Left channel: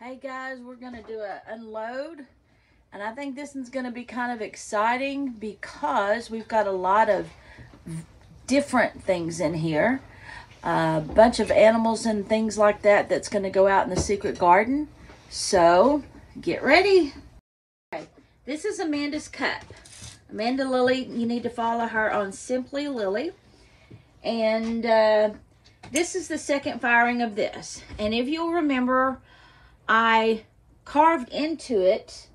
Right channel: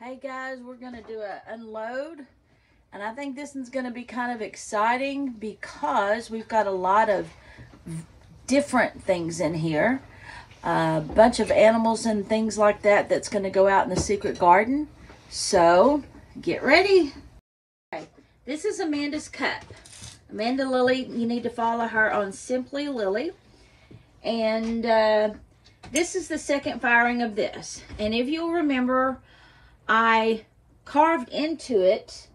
Hey guys, we're gonna do an unload, and I think this one's gonna be kind of exciting because we've got a lot of different things in here. A bunch of animals and things like that that's gonna go out in the secret garden. So get ready. Okay, this is Amanda's cup. Amanda Lily, you need to follow her on Simply Lily. And this is the second firing of this. And if you'll remember, I carved into it.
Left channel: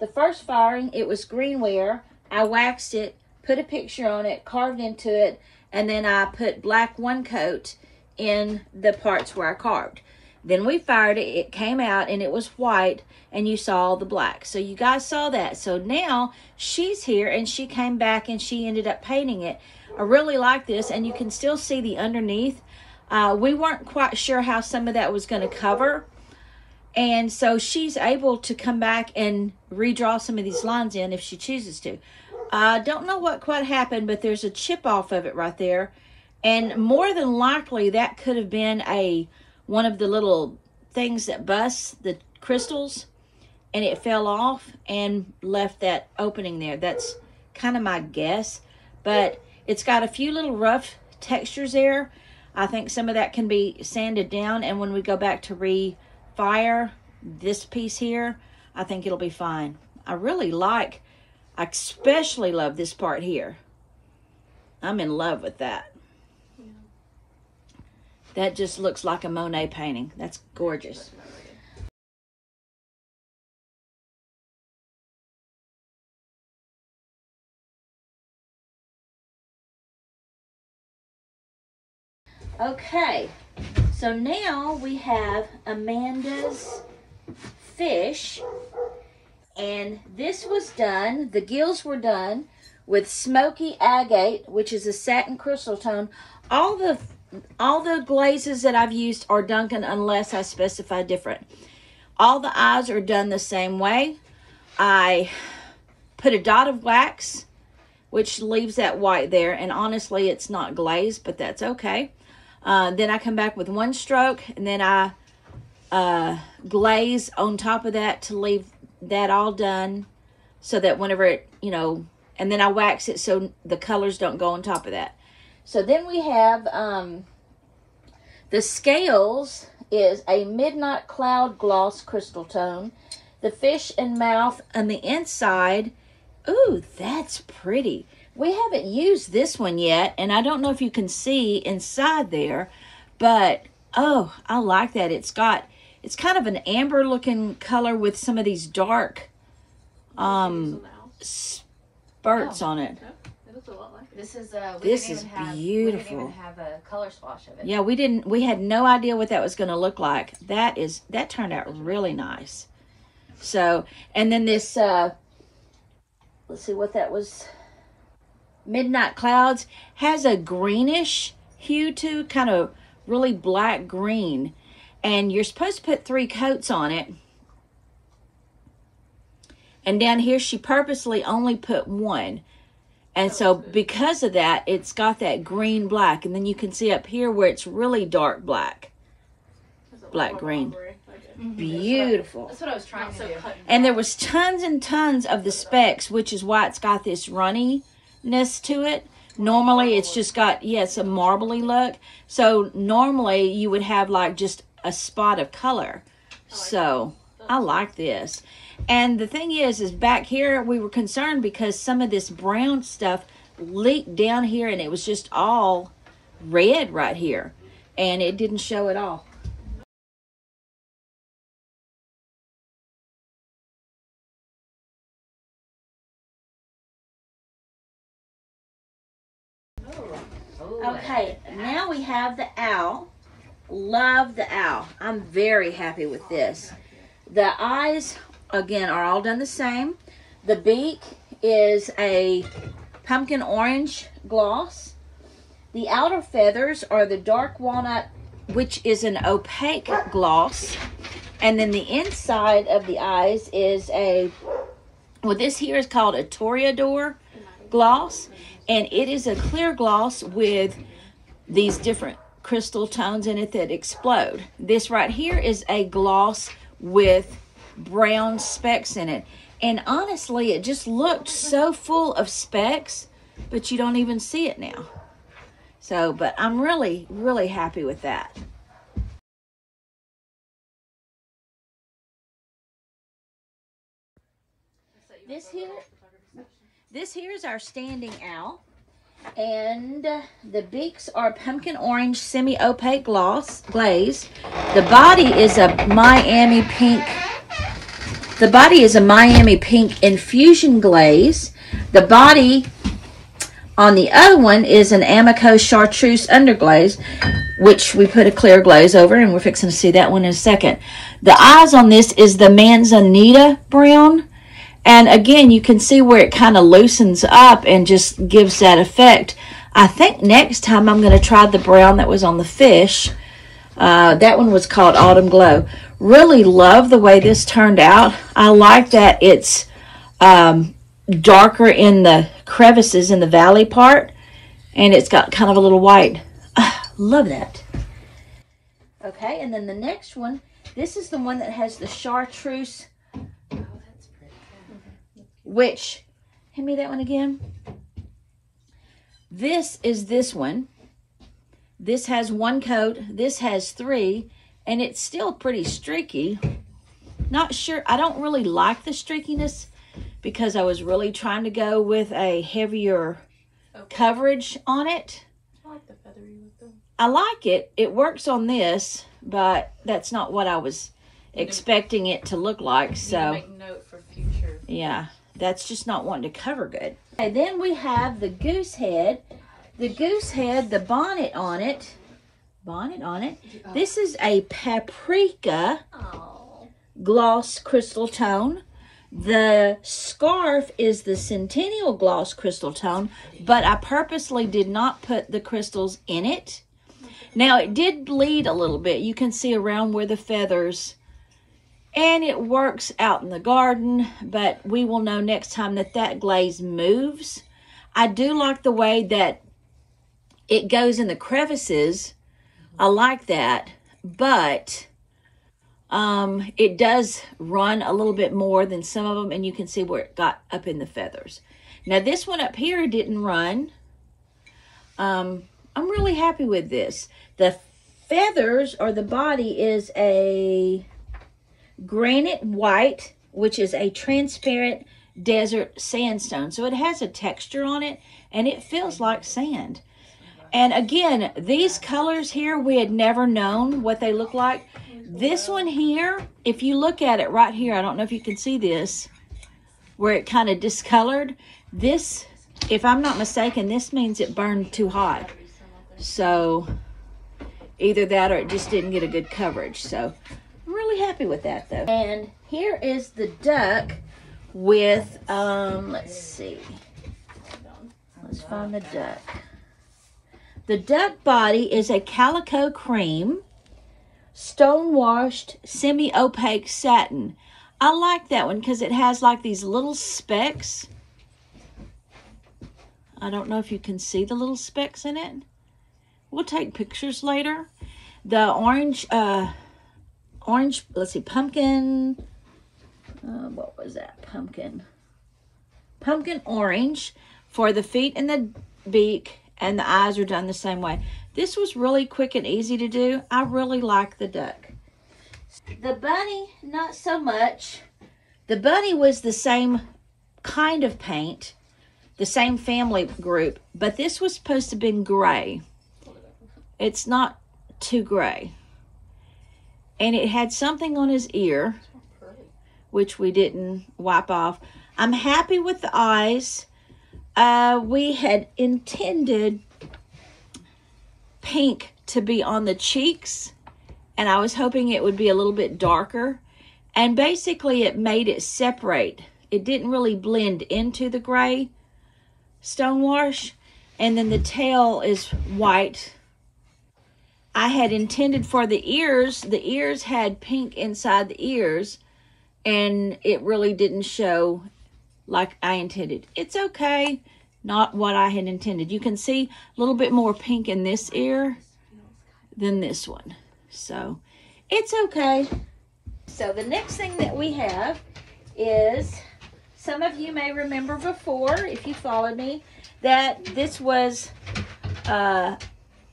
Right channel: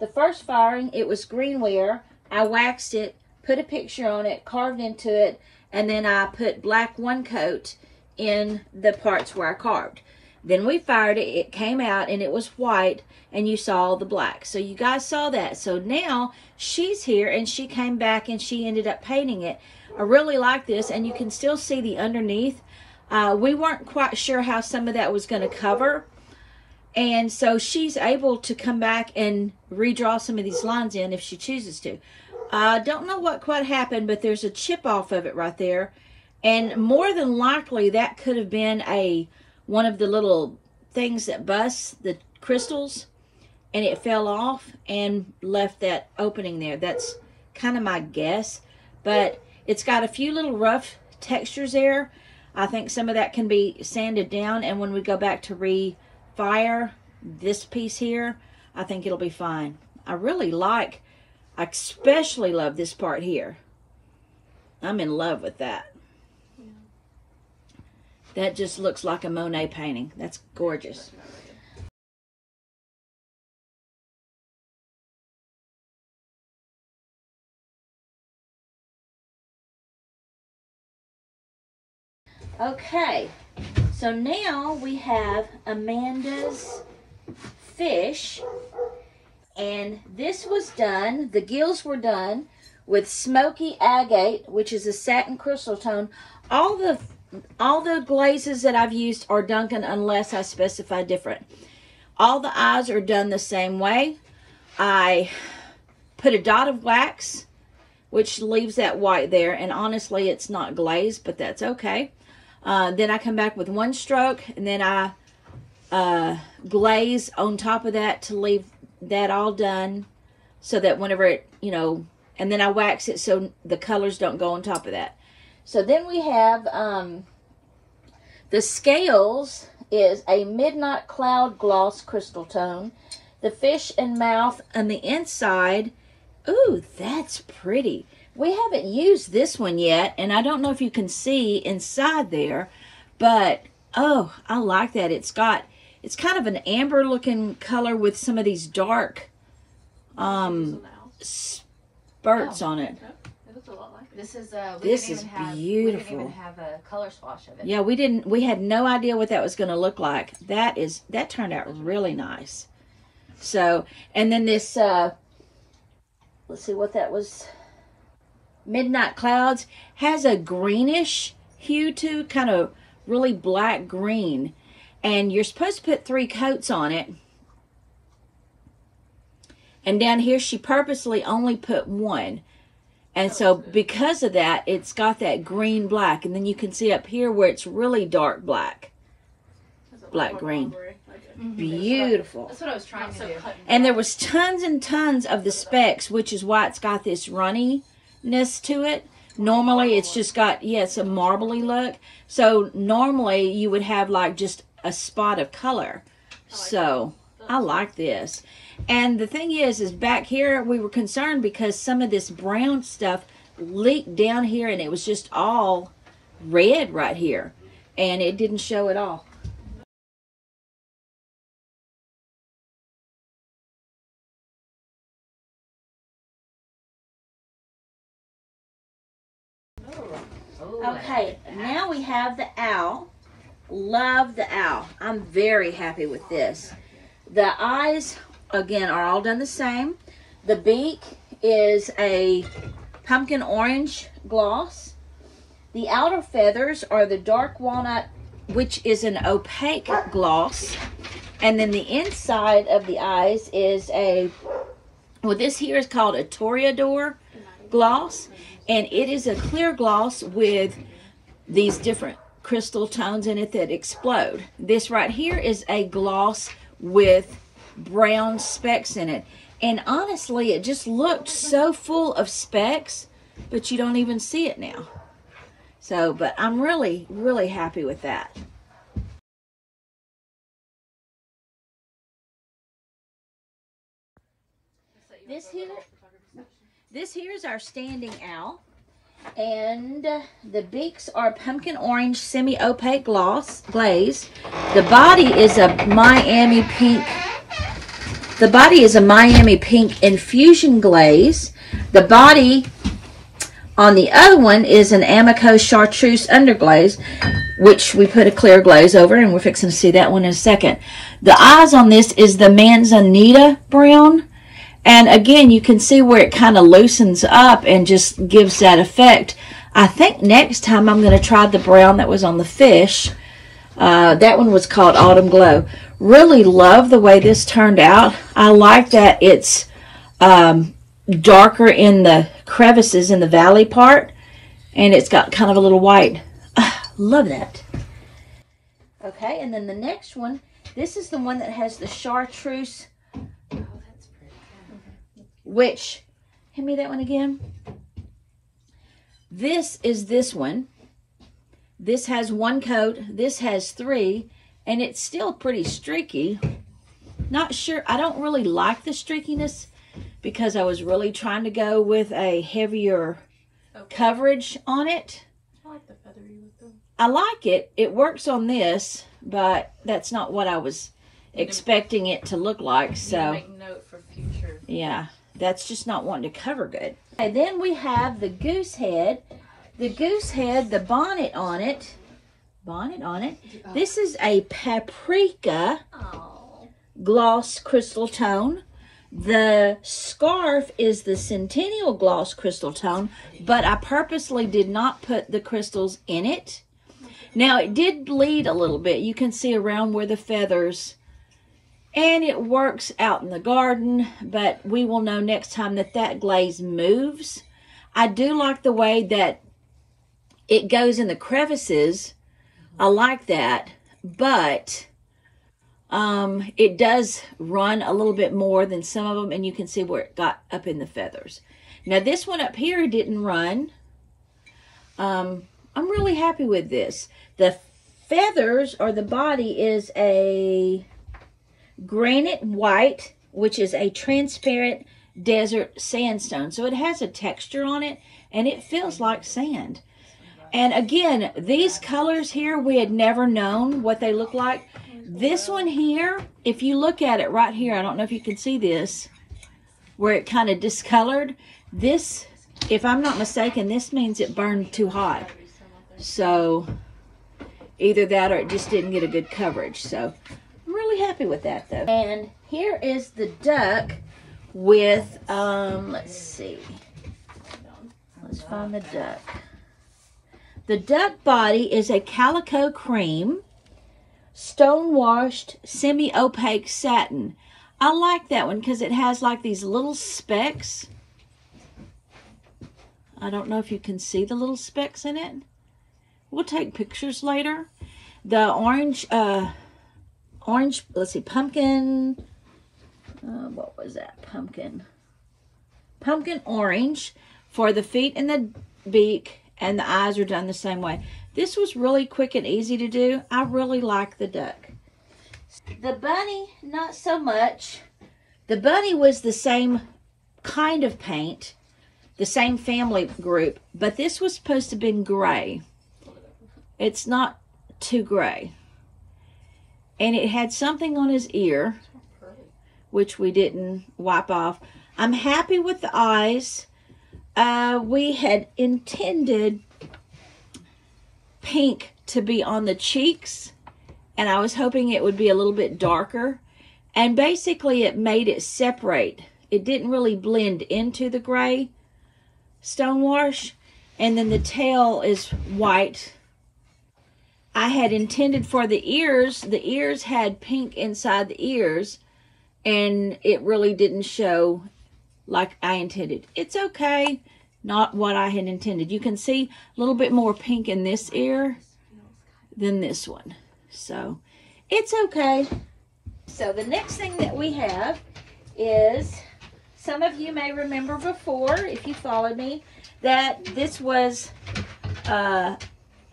The first firing, it was greenware. I waxed it, put a picture on it, carved into it, and then I put black one coat in the parts where I carved. Then we fired it, it came out, and it was white, and you saw the black. So you guys saw that. So now she's here, and she came back, and she ended up painting it. I really like this, and you can still see the underneath. We weren't quite sure how some of that was going to cover. And so she's able to come back and redraw some of these lines in if she chooses to. I don't know what quite happened, but there's a chip off of it right there. And more than likely, that could have been one of the little things that busts the crystals. And it fell off and left that opening there. That's kind of my guess. But it's got a few little rough textures there. I think some of that can be sanded down. And when we go back to fire this piece here, I think it'll be fine. I especially love this part here. I'm in love with that. Yeah. That just looks like a Monet painting. That's gorgeous. Okay, so now we have Amanda's fish, and this was done, the gills were done with smoky agate, which is a satin crystal tone. All the glazes that I've used are Duncan unless I specify different. All the eyes are done the same way. I put a dot of wax, which leaves that white there, and honestly it's not glazed, but that's okay. Then I come back with one stroke, and then I glaze on top of that to leave that all done so that whenever it, and then I wax it so the colors don't go on top of that. So then we have the scales is a Midnight Cloud Gloss Crystal Tone. The fish and mouth on the inside, ooh, that's pretty. We haven't used this one yet, and I don't know if you can see inside there, but, oh, I like that. It's kind of an amber looking color with some of these dark spurts on it. This is beautiful. We didn't even have a color swatch of it. Yeah, we had no idea what that was going to look like. That turned out really nice. So, and then this, let's see what that was. Midnight Clouds has a greenish hue too, kind of really black green. And you're supposed to put 3 coats on it. And down here, she purposely only put 1. And so because of that, it's got that green black. And then you can see up here where it's really dark black. Black green. Beautiful. That's what I was trying to do. And there was tons and tons of the specks, which is why it's got this runniness to it. Normally, it's just got, it's a marbly look. So normally, you would have like just a spot of color. So I like this. And the thing is back here we were concerned because some of this brown stuff leaked down here and it was just all red right here, and it didn't show at all. Okay, now we have the owl. Love the owl. I'm very happy with this. The eyes, again, are all done the same. The beak is a pumpkin orange gloss. The outer feathers are the dark walnut, which is an opaque gloss. And then the inside of the eyes is this here is called a Toreador gloss. And it is a clear gloss with these different crystal tones in it that explode. This right here is a gloss with brown specks in it. And honestly, it just looked so full of specks, but you don't even see it now. So, but I'm really, really happy with that. This here is our standing owl. And the beaks are pumpkin orange semi-opaque glaze. The body is a Miami pink. The body is a Miami pink infusion glaze. The body on the other one is an Amico chartreuse underglaze, which we put a clear glaze over, and we're fixing to see that one in a second. The eyes on this is the Manzanita brown. And again, you can see where it kind of loosens up and just gives that effect. I think next time I'm going to try the brown that was on the fish. That one was called Autumn Glow. Really love the way this turned out. I like that it's darker in the crevices in the valley part. And it's got kind of a little white. Love that. Okay, and then the next one. This is the one that has the chartreuse. Which, hand me that one again. This is this one. This has one coat. This has three. And it's still pretty streaky. Not sure. I don't really like the streakiness because I was really trying to go with a heavier coverage on it. I like the feathery with them. I like it. It works on this, but that's not what I was expecting it to look like. So make note for future. Yeah. That's just not wanting to cover good. And then we have the goose head. The goose head, the bonnet on it. This is a paprika gloss crystal tone. The scarf is the Centennial gloss crystal tone, but I purposely did not put the crystals in it. Now, it did bleed a little bit. You can see around where the feathers. And it works out in the garden, but we will know next time that that glaze moves. I do like the way that it goes in the crevices. I like that, but it does run a little bit more than some of them, and you can see where it got up in the feathers. Now, this one up here didn't run. I'm really happy with this. The feathers, or the body, is a granite white, which is a transparent desert sandstone. So it has a texture on it, and it feels like sand. And again, these colors here, we had never known what they look like. This one here, if you look at it right here, I don't know if you can see this, where it kind of discolored. This, if I'm not mistaken, this means it burned too hot. So either that or it just didn't get a good coverage. So really happy with that though. And here is the duck with let's see, let's find the duck. The duck body is a calico cream stone washed semi-opaque satin. I like that one because it has like these little specks. I don't know if you can see the little specks in it. We'll take pictures later. The orange let's see, pumpkin, what was that? Pumpkin orange for the feet and the beak, and the eyes are done the same way. This was really quick and easy to do. I really like the duck. The bunny, not so much. The bunny was the same kind of paint, the same family group, but this was supposed to have been gray. It's not too gray. And it had something on his ear, which we didn't wipe off. I'm happy with the eyes. We had intended pink to be on the cheeks, and I was hoping it would be a little bit darker. And basically it made it separate. It didn't really blend into the gray stonewash. And then the tail is white. I had intended for the ears had pink inside the ears, and it really didn't show like I intended. It's okay, not what I had intended. You can see a little bit more pink in this ear than this one. So, it's okay. So the next thing that we have is, some of you may remember before, if you followed me, that this was a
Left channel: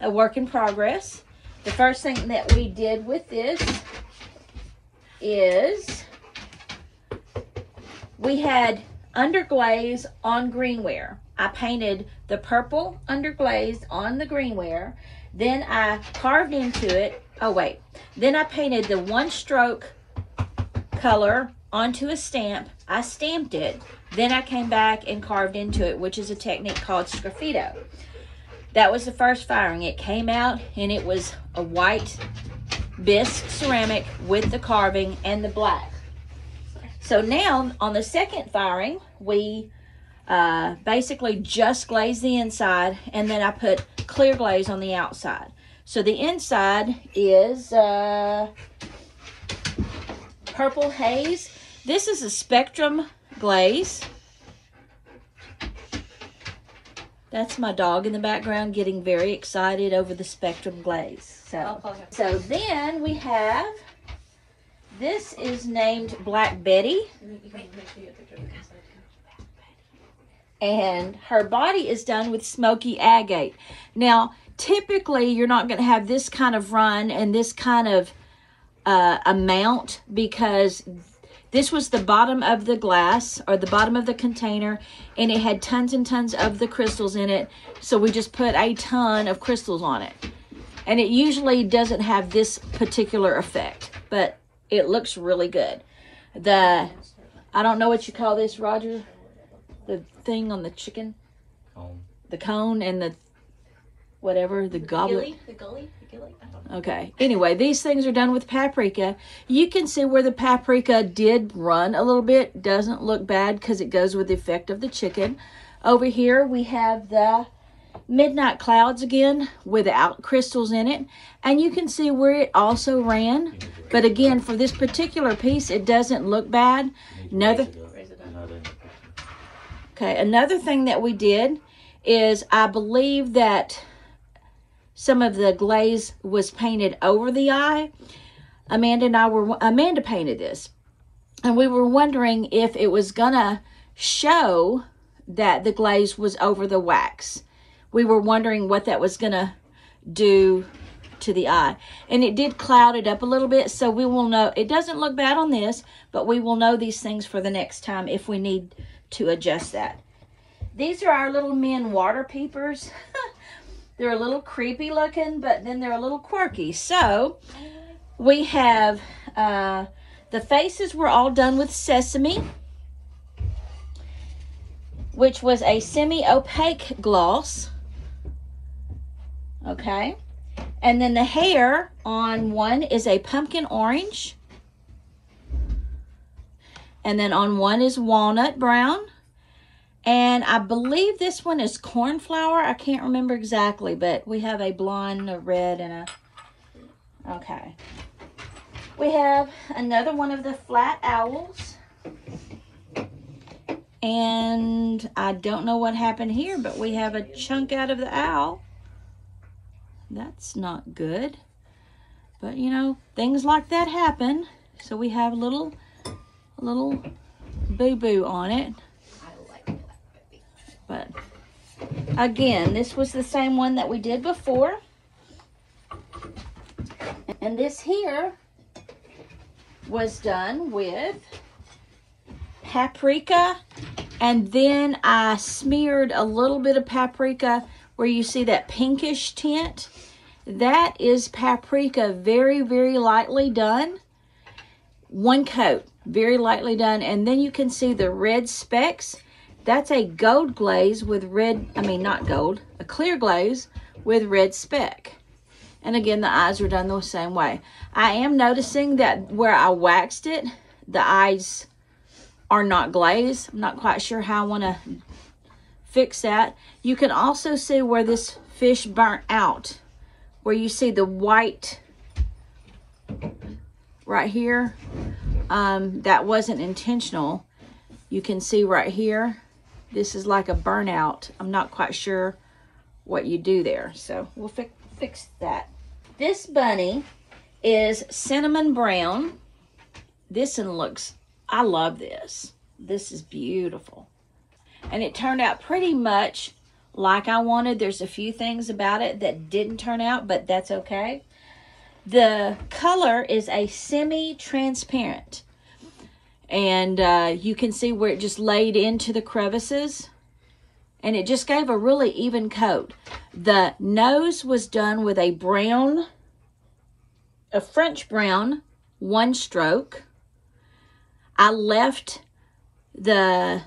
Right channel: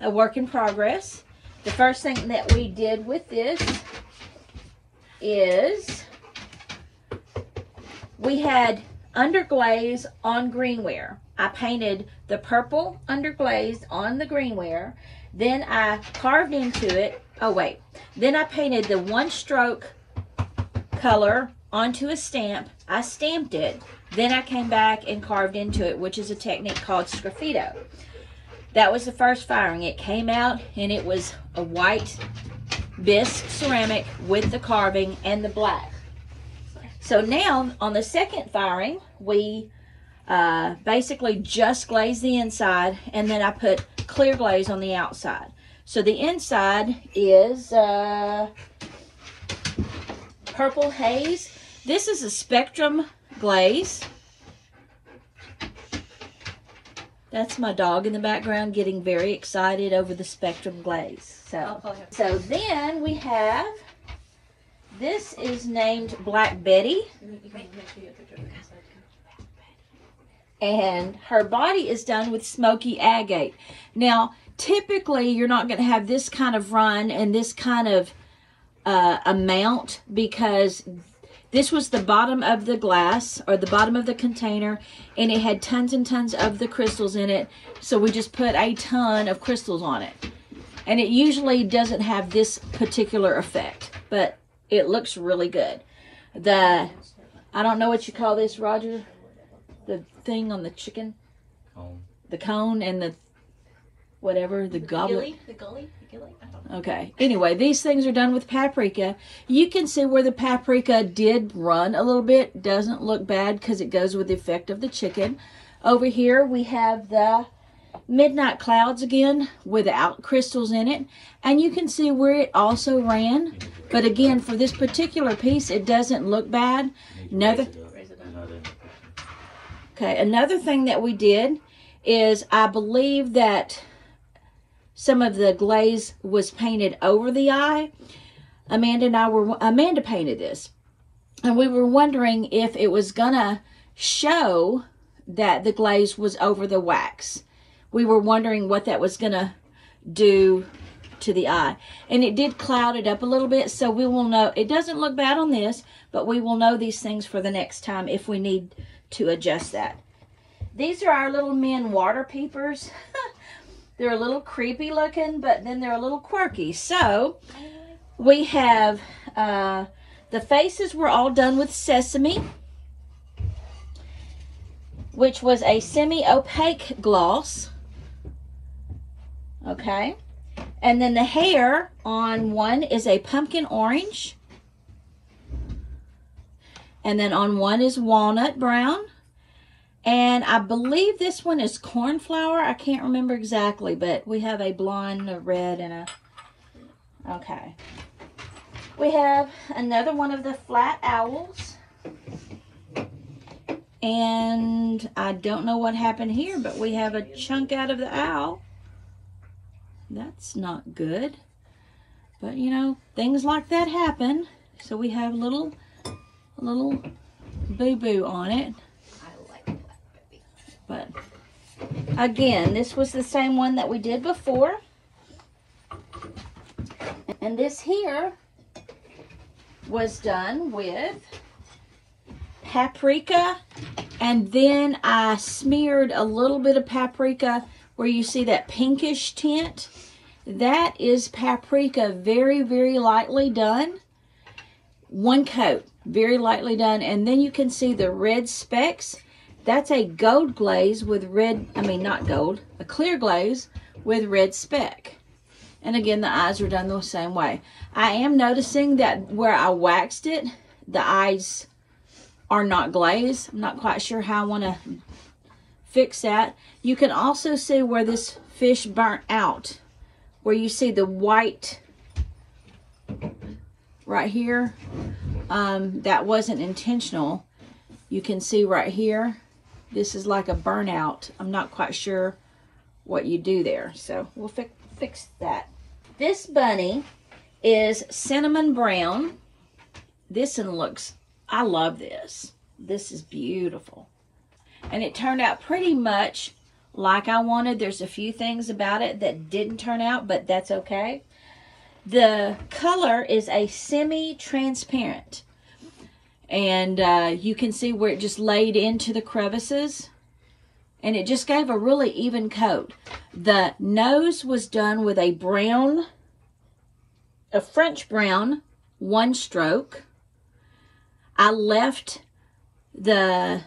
work in progress. The first thing that we did with this is we had underglaze on greenware. I painted the purple underglaze on the greenware. Then I carved into it. Oh, wait. Then I painted the one stroke color onto a stamp. I stamped it. Then I came back and carved into it, which is a technique called sgraffito. That was the first firing. It came out and it was a white bisque ceramic with the carving and the black. So now on the second firing, we basically just glazed the inside, and then I put clear glaze on the outside. So the inside is purple haze. This is a spectrum glaze. That's my dog in the background getting very excited over the spectrum glaze. So then we have, this is named Black Betty. And her body is done with smoky agate. Now, typically, you're not going to have this kind of run and this kind of amount, because this was the bottom of the glass, or the bottom of the container, and it had tons and tons of the crystals in it. So we just put a ton of crystals on it. And it usually doesn't have this particular effect, but it looks really good. I don't know what you call this, Roger. The thing on the chicken, the cone and the whatever, the goblet. The gully. Okay. Anyway, these things are done with paprika. You can see where the paprika did run a little bit. Doesn't look bad because it goes with the effect of the chicken. Over here we have the midnight clouds again without crystals in it. And you can see where it also ran. But again, for this particular piece, it doesn't look bad. Another thing that we did is, I believe that some of the glaze was painted over the eye. Amanda painted this, and we were wondering if it was gonna show that the glaze was over the wax. We were wondering what that was gonna do to the eye, and it did cloud it up a little bit, so we will know. It doesn't look bad on this, but we will know these things for the next time if we need to adjust that. These are our little men water peepers. They're a little creepy looking, but then they're a little quirky. So we have the faces were all done with sesame, which was a semi-opaque gloss. Okay. And then the hair on one is a pumpkin orange. And then on one is walnut brown. And I believe this one is cornflower. I can't remember exactly, but we have a blonde, a red, and a... Okay. We have another one of the flat owls. And I don't know what happened here, but we have a chunk out of the owl. That's not good. But, you know, things like that happen. So we have a little boo-boo on it. But again, this was the same one that we did before. And this here was done with paprika. And then I smeared a little bit of paprika where you see that pinkish tint. That is paprika, very, very lightly done. One coat, very lightly done. And then you can see the red specks. That's a gold glaze with red, not gold, a clear glaze with red speck. And again, the eyes are done the same way. I am noticing that where I waxed it, the eyes are not glazed. I'm not quite sure how I want to fix that. You can also see where this fish burnt out, where you see the white right here. That wasn't intentional. You can see right here, this is like a burnout. I'm not quite sure what you do there, so we'll fix that. This bunny is cinnamon brown, this one looks, I love this. This is beautiful. And it turned out pretty much like I wanted. There's a few things about it that didn't turn out, but that's okay. The color is a semi-transparent. And you can see where it just laid into the crevices. And it just gave a really even coat. The nose was done with a brown, a French brown, 1 stroke. I left the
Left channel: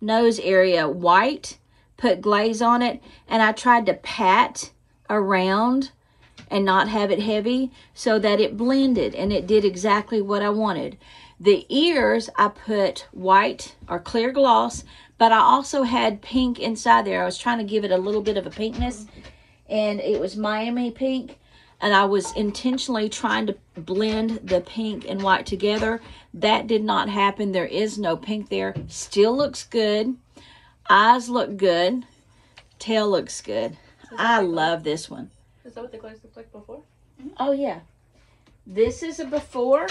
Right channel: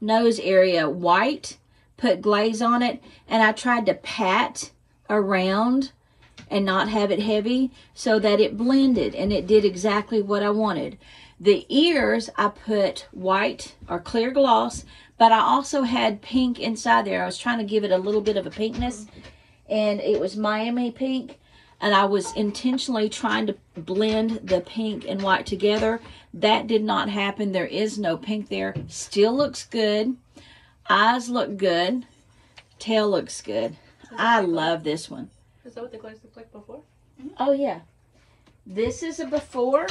nose area white, put glaze on it, and I tried to pat around and not have it heavy so that it blended, and it did exactly what I wanted. The ears, I put white or clear gloss, but I also had pink inside there. I was trying to give it a little bit of a pinkness, and it was Miami pink, and I was intentionally trying to blend the pink and white together. That did not happen. There is no pink there. Still looks good. Eyes look good. Tail looks good. I love this one. Is that what the glaze looked like before? Oh, yeah. This is a before,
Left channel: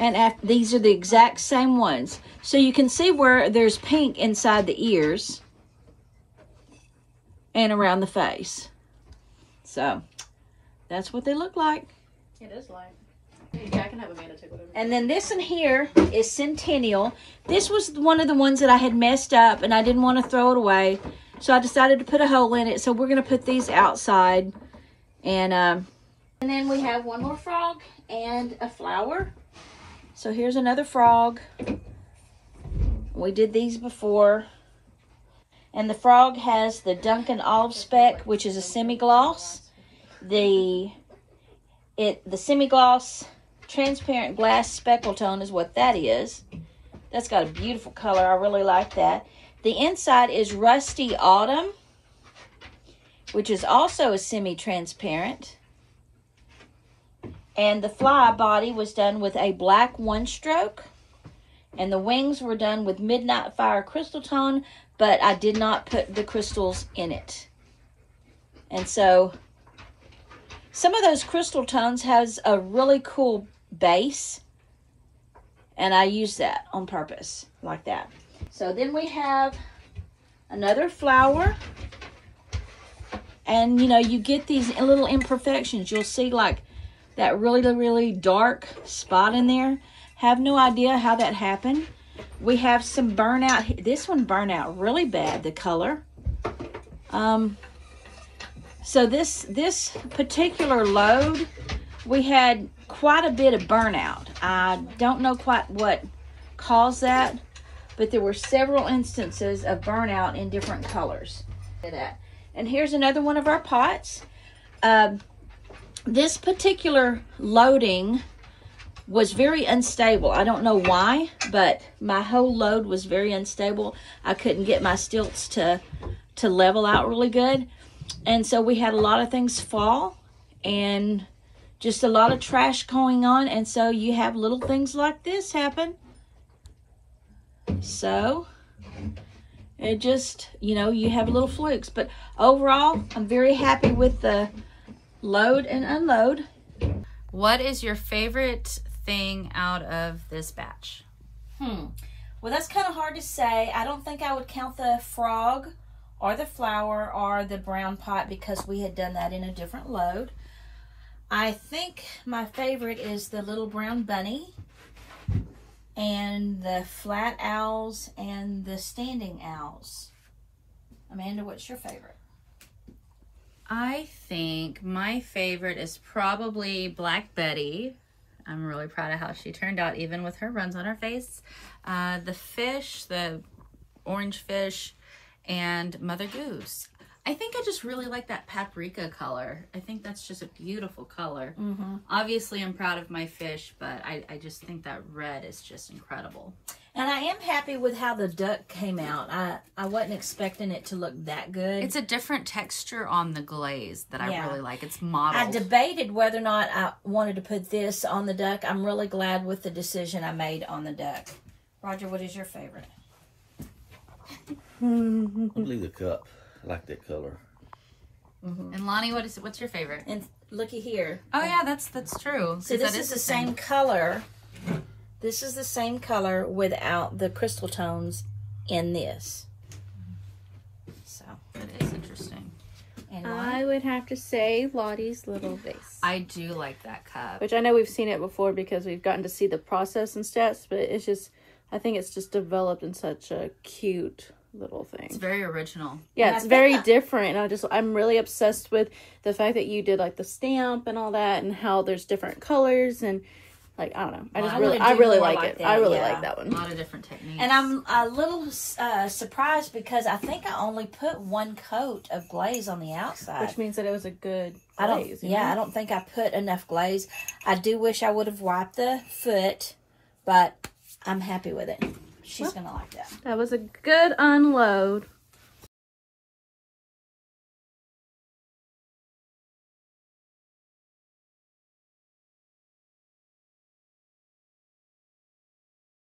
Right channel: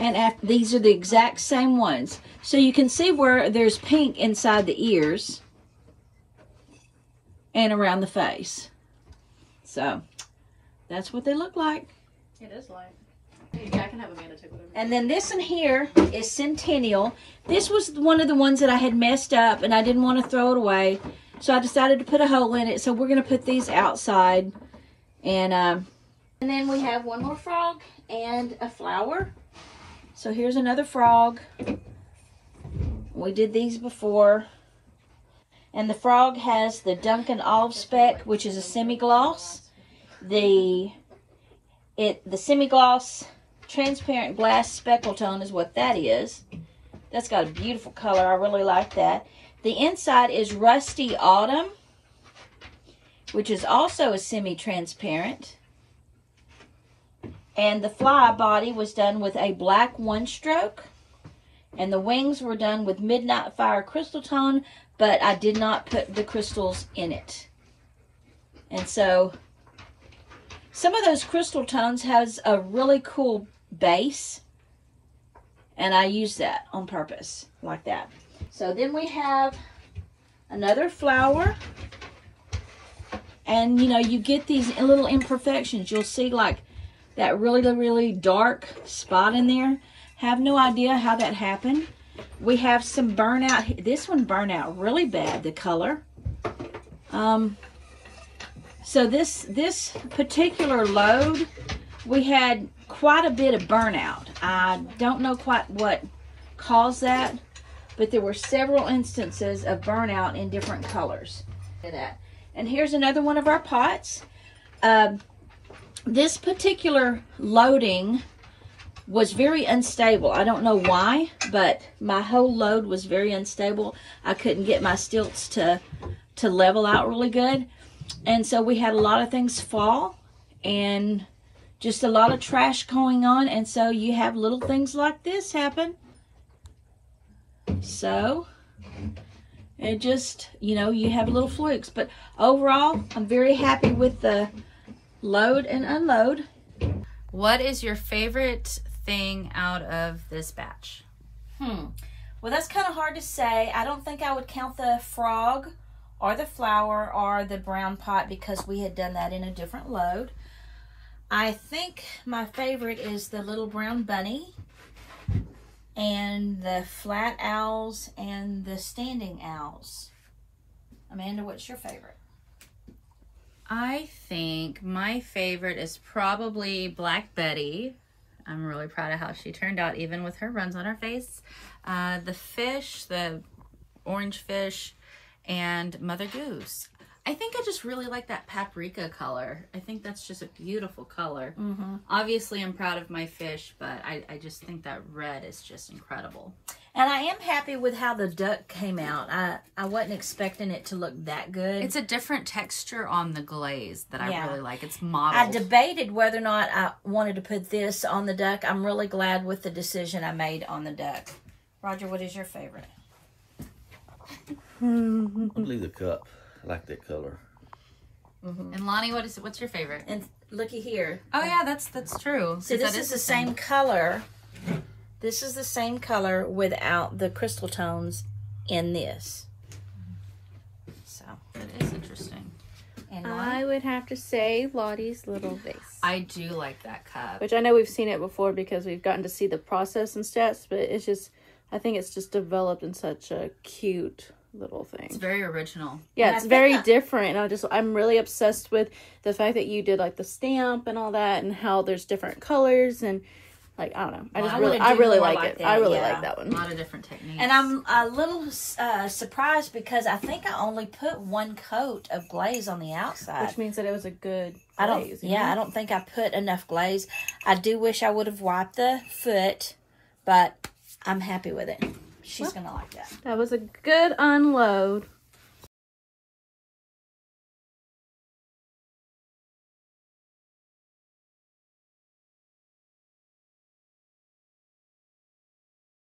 and after. These are the exact same ones. So you can see where there's pink inside the ears and around the face. So that's what they look like. It is light. I can have Amanda take whatever. And then this one here is Centennial. This was one of the ones that I had messed up and I didn't want to throw it away. So I decided to put a hole in it. So we're going to put these outside. And then we have one more frog and a flower. So here's another frog. We did these before. And the frog has the Duncan Olive Speck, which is a semi-gloss. The semi-gloss transparent glass speckle tone is what that is. That's got a beautiful color. I really like that. The inside is Rusty Autumn, which is also a semi-transparent. And the fly body was done with a black 1 stroke. And the wings were done with Midnight Fire crystal tone, but I did not put the crystals in it. And so some of those crystal tones has a really cool base, and I use that on purpose, like that. So then we have another flower, and you know, you get these little imperfections. You'll see like that really dark spot in there. Have no idea how that happened. We have some burnout. This one burned out really bad, the color. So this particular load, we had quite a bit of burnout. I don't know quite what caused that, but there were several instances of burnout in different colors. And here's another one of our pots. This particular loading was very unstable. I don't know why, but my whole load was very unstable. I couldn't get my stilts to level out really good. And so we had a lot of things fall and just a lot of trash going on. And so you have little things like this happen. So it just, you know, you have little flukes. But overall, I'm very happy with the load and unload. What is your favorite thing out of this batch? Well, that's kind of hard to say. I don't think I would count the frog or the flower or the brown pot because we had done that in a different load. I think my favorite is the little brown bunny and the flat owls and the standing owls. Amanda, what's your favorite? I think my favorite is probably Black Betty. I'm really proud of how she turned out, even with her runs on her face. The fish, the orange fish, and Mother Goose. I think I just really like that paprika color. I think that's just a beautiful color. Obviously, I'm proud of my fish, but I just think that red is just incredible. And I am happy with how the duck came out. I wasn't expecting it to look that good. It's a different texture on the glaze that I really like. It's modeled. I debated whether or not I wanted to put this on the duck. I'm really glad with the decision I made on the duck. Roger, what is your favorite? I believe the cup. I like that color. And Lottie, what's your favorite? And looky here. Oh yeah, that's true. So this is the same color. This is the same color without the crystal tones in this. So It is interesting. and I would have to say Lottie's little vase. I do like that cup. Which I know we've seen it before because we've gotten to see the process and steps, but it's just, I think it's just developed in such a cute little thing. It's very original. Yeah, it's very different. And I'm really obsessed with the fact that you did like the stamp and all that and how there's different colors and like, I don't know. I really like it. I really like that A one. lot of different techniques. And I'm a little surprised because I think I only put one coat of glaze on the outside. Which means that it was a good I don't glaze, I don't think I put enough glaze. I do wish I would have wiped the foot, but I'm happy with it. She's gonna like that. That was a good unload.